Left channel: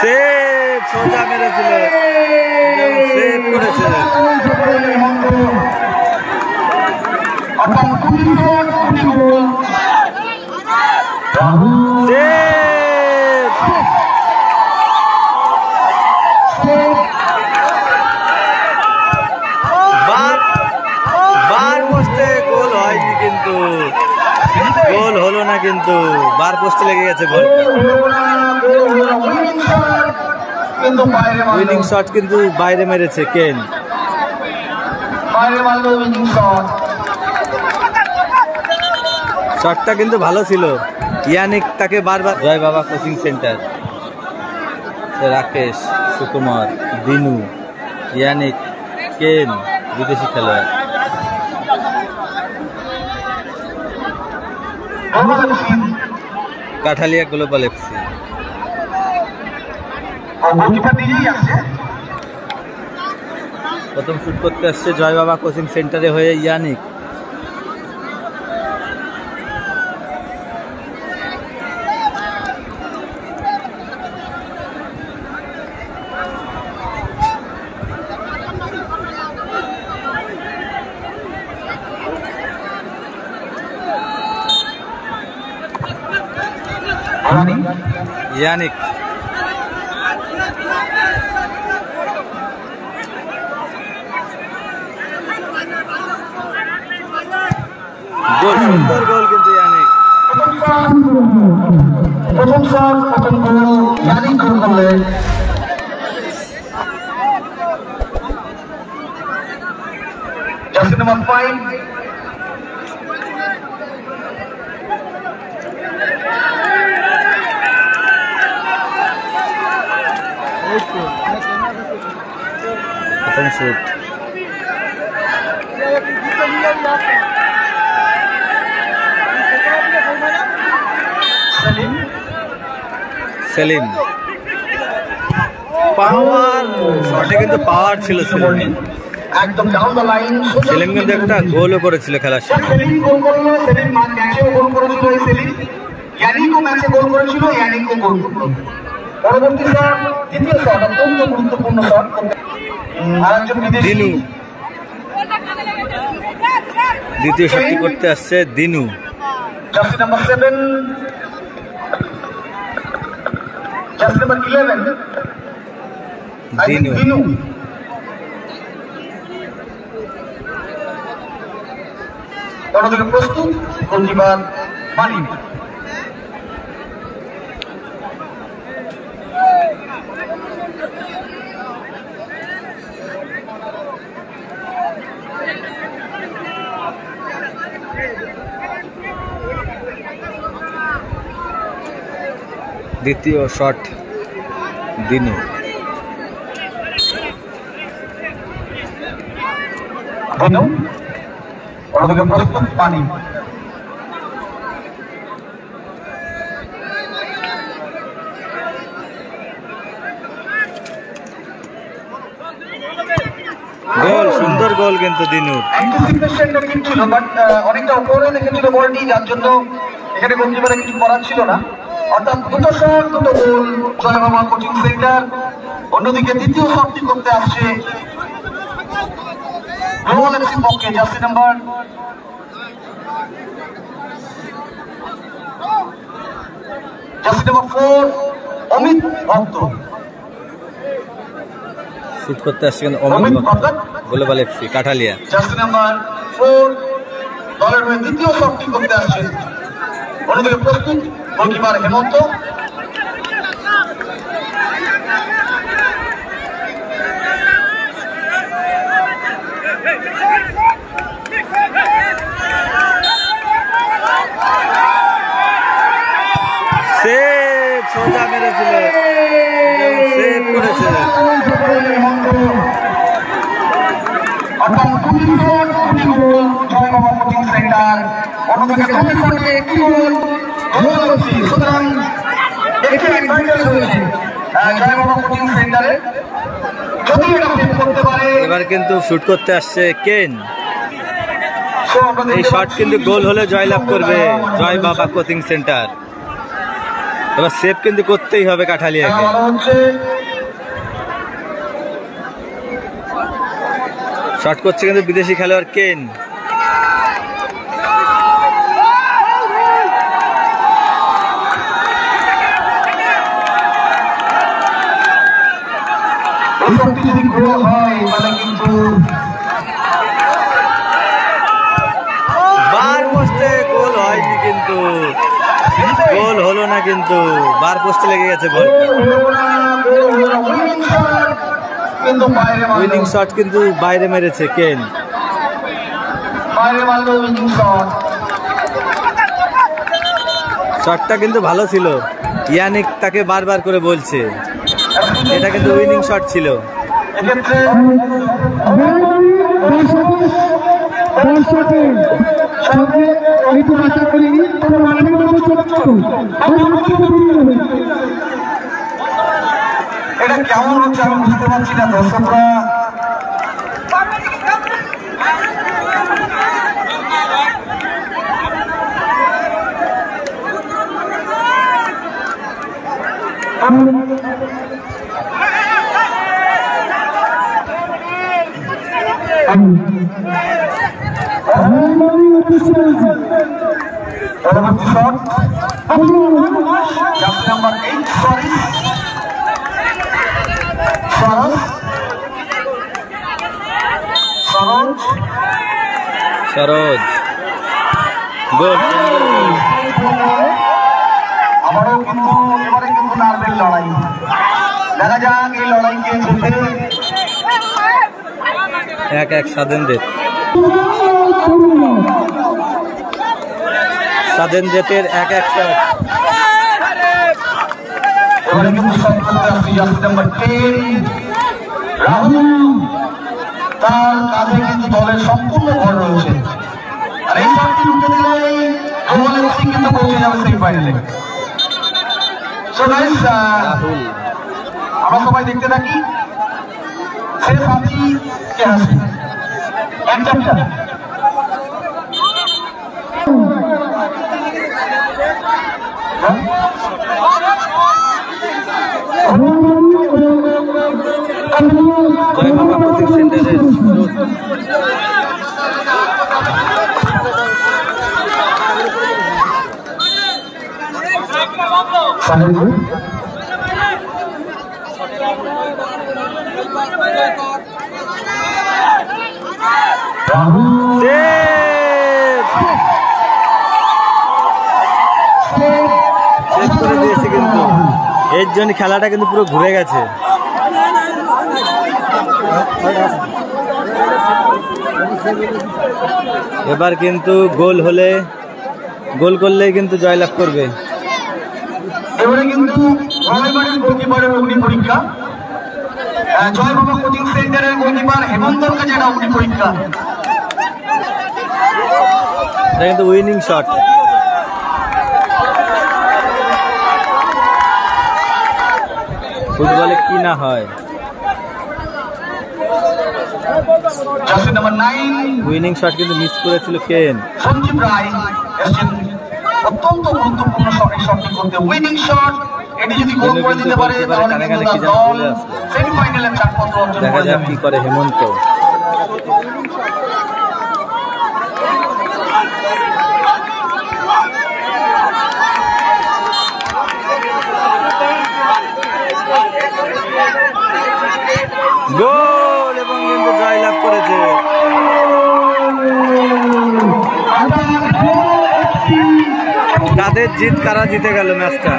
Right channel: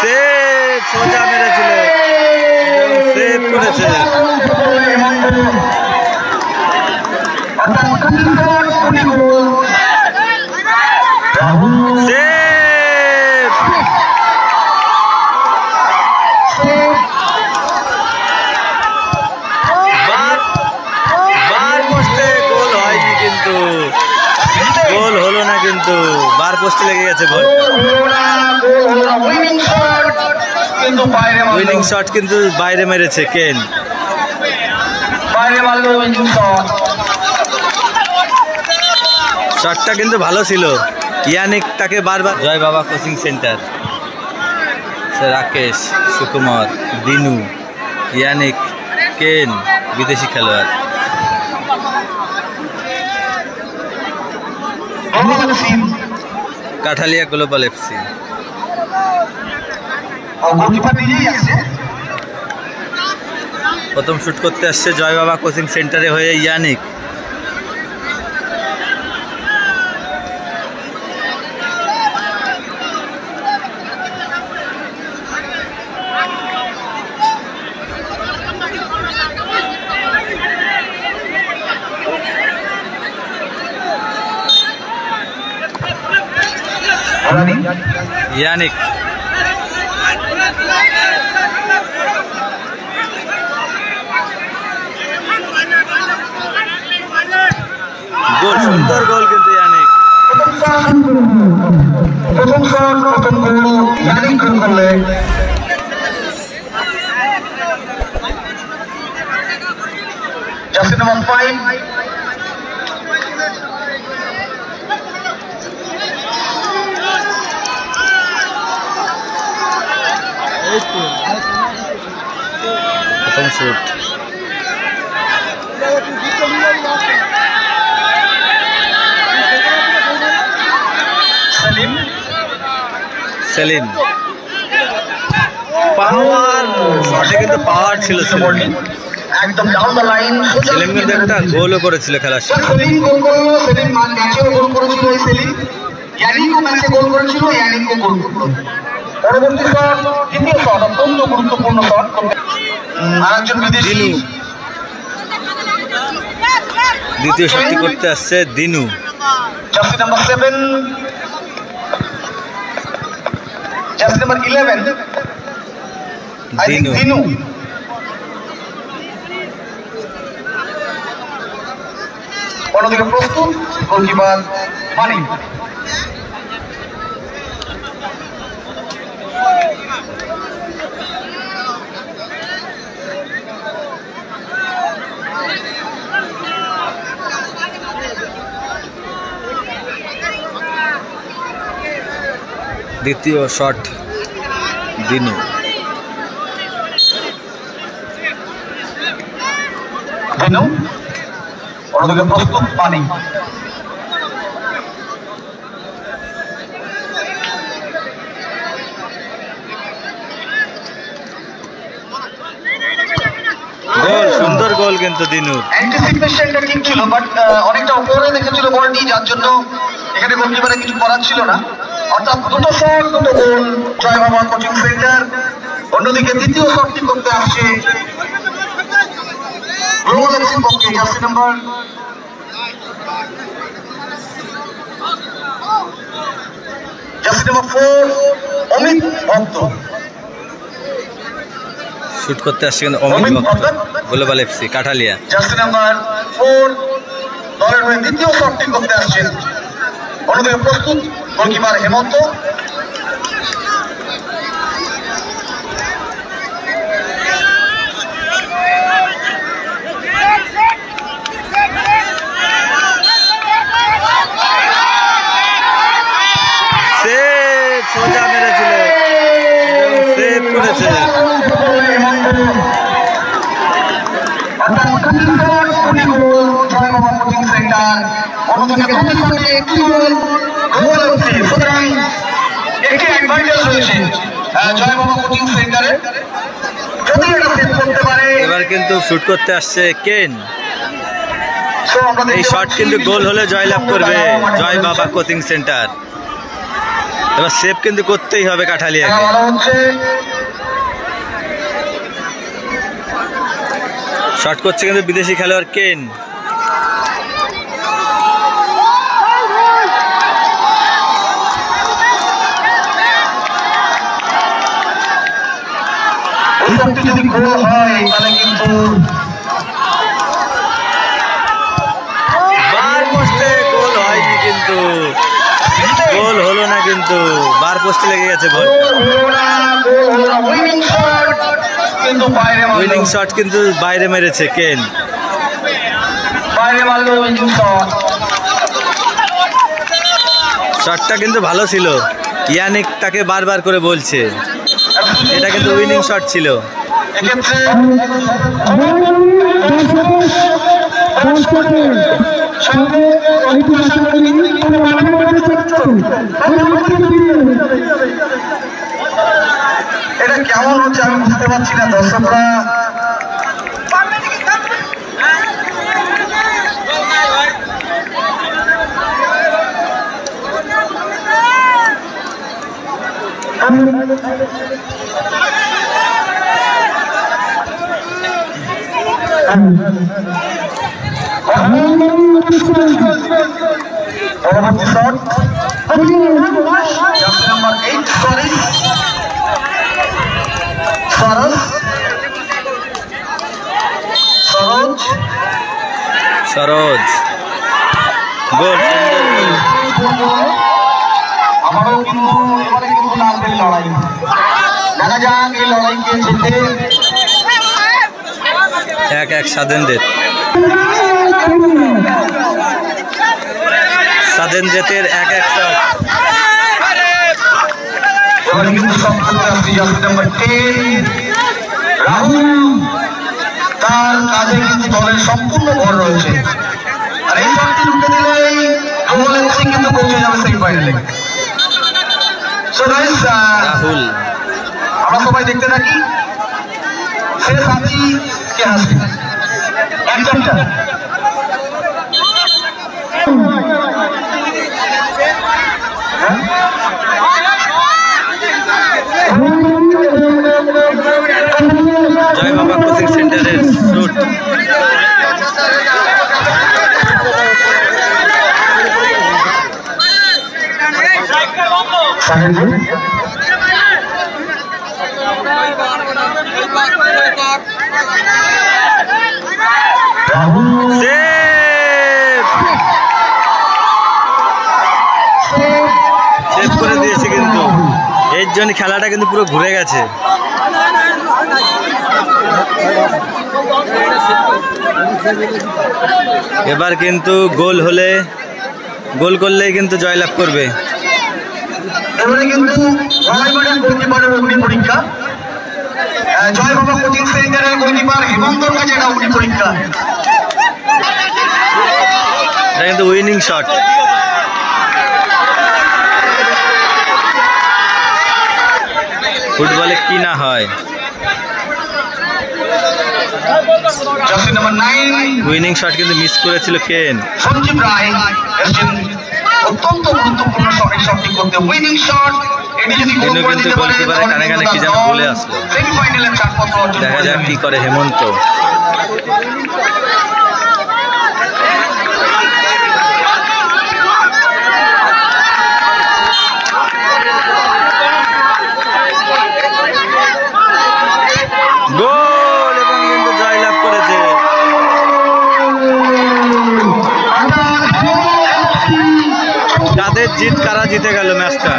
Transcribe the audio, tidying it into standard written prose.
Save সোজা মেরেছিল এবং সেভ করেছে। সেভ বার পোস্টে গোল হয়নি, কিন্তু গোল হলো না, কিন্তু বার পোস্টে লেগে গেছে বলটা। উইনিং শট কিন্তু বাইরে মেরেছে কেন। শটটা কিন্তু ভালো ছিল। ইয়ানিক তাকে বারবার। জয় বাবা coaching centre, Rakesh, Sukumar, Dinu, Yannic, কেন বিদেশি খেলোয়াড়। Kathalia global FC. প্রথম শুট করতে আসছে জয় বাবা কোচিং সেন্টারে হয়ে ইয়ানিক। ইয়ানিক গোল, সুন্দর গোল কিন্তু ইয়ানিক। প্রথম শট, প্রথম গোল ইয়ানিক গোল করলেন। জার্সি নাম্বার 5 প্রথম শুট। সেলিম পাওয়ার শটে কিন্তু পাওয়ার ছিল সেলিম। একদম ডাউন দ্য লাইন। সেলিম কিন্তু একটা গোলও করেছিল খেলার সময়। সেলিম গোল করলো, সেলিম ম্যাচেও গোল করেছিল এই সেলিম। ইয়ানিকও ম্যাচে গোল করেছিল, ইয়ানিকও গোল করলো। পরবর্তী শট, দ্বিতীয় শট, অত্যন্ত গুরুত্বপূর্ণ শট। আরেকজন বিদেশি দিনু দ্বিতীয় শটটি করতে আসছে Dinu. Jersey number 7, jersey number 11 Dinu. Dinu অন্যদিকে প্রস্তুত গোলকিপার মানিক। দ্বিতীয় শট দিনু। দিনু অন্যদিকে প্রস্তুত মানিক। গোল, সুন্দর গোল কিন্তু দিনুর। অ্যান্টিসিপেশনটা ঠিক ছিল, বাট অনেকটা উপরে দেখেছিল বলটি, যার জন্য এখানে গোলকিপারে কিছু করার ছিল না। অর্থাৎ দুটো শট, দুটো গোল জয় বাবা কোচিং সেন্টার। অন্যদিকে দ্বিতীয় শটটি করতে আসছে গ্লোবাল এফসির পক্ষে জার্সি নাম্বার 4 অমিত ভক্ত। শুট করতে আসছে কিন্তু অমিত ভক্ত, global FC Kathalia. Jersey number 4 দলের হয়ে দ্বিতীয় শটটি করতে আসছেন। অন্যদিকে প্রস্তুত গোলকিপার হেমন্ত। সেভ সোজা মেরেছিল এবং সেভ করেছে। অন্যদিকে একটি অ্যাডভান্টেজ রয়েছে জয় বাবা কোচিং সেন্টারে, যদি এটা সেভ করতে পারে। এবার কিন্তু শুট করতে আসছে কেন। এই শট কিন্তু গোল হলে জয়লাভ করবে জয় বাবা কোচিং সেন্টার। এবার সেভ কিন্তু করতেই হবে কাঠালিয়াকে। শট করছে কিন্তু বিদেশি খেলোয়াড় কেন। যদি গোল হয় তাহলে কিন্তু বার পোস্টে গোল হয়নি, কিন্তু গোল হলো না, কিন্তু বার পোস্টে লেগে গেছে বল। উইনিং শট কিন্তু বাইরে মেরেছে কেন। শটটা কিন্তু ভালো ছিল, ইয়ানিক তাকে বারবার করে বলছে, এটা কিন্তু উইনিং শট ছিল। এটা কেমন হচ্ছে আমি বুঝতে পারছি না দর্শকরা। পরবর্তী শট নাম্বার 8 সরোজ গোল। আমারও কিন্তু এবারে কিন্তু নার্ভের লড়াই, দেখা যাক এই লড়াই কে জিতে। 1-1 সাদেনদেতের 1-1 শট। এবারে কিন্তু শট করতে আসছে জার্সি নাম্বার 10 রাহুল। তার কাছে কিন্তু দলের সম্পূর্ণ ভর রয়েছে, আর এই শটটি ঢুকে দিলেই গোল এসে কিন্তু পৌঁছে যাবে সেমিফাইনালে। সো গাইস, রাহুল আমরা সবাই দেখতে থাকি শেষ হাসি কে হাসি একদমটা। জয় বাবা কোচিং সেন্টারের শুট। সেভ করে দিয়েছে, কিন্তু এর জন্য খেলাটা কিন্তু পুরো ঘুরে গেছে। এবার কিন্তু গোল করলেই কিন্তু জয়লাভ করবে। এবারে কিন্তু গোলকিপারের অগ্নি পরীক্ষা, জয় বাবা কোচিং সেন্টারের গোলকিপার হেমন্তর কাছে একটা অগ্নি পরীক্ষা। এটা কিন্তু উইনিং শট। ফুটবলে কি না হয়। উইনিং শট কিন্তু মিস করেছিল কেন। সঞ্জীব রায় এসেছেন অত্যন্ত গুরুত্বপূর্ণ শটের শটটি করতে। উইনিং শট এটি যদি কিন্তু গোলকিপারের কানে কানে কি যেন বলে আসলো। সেমিফাইনালের চারপত্র অর্জন দেখা যাক কি করে হেমন্ত। গোল এবং কিন্তু জয়লাভ করেছে। কাদের জিত, কারা জিতে গেল ম্যাচটা।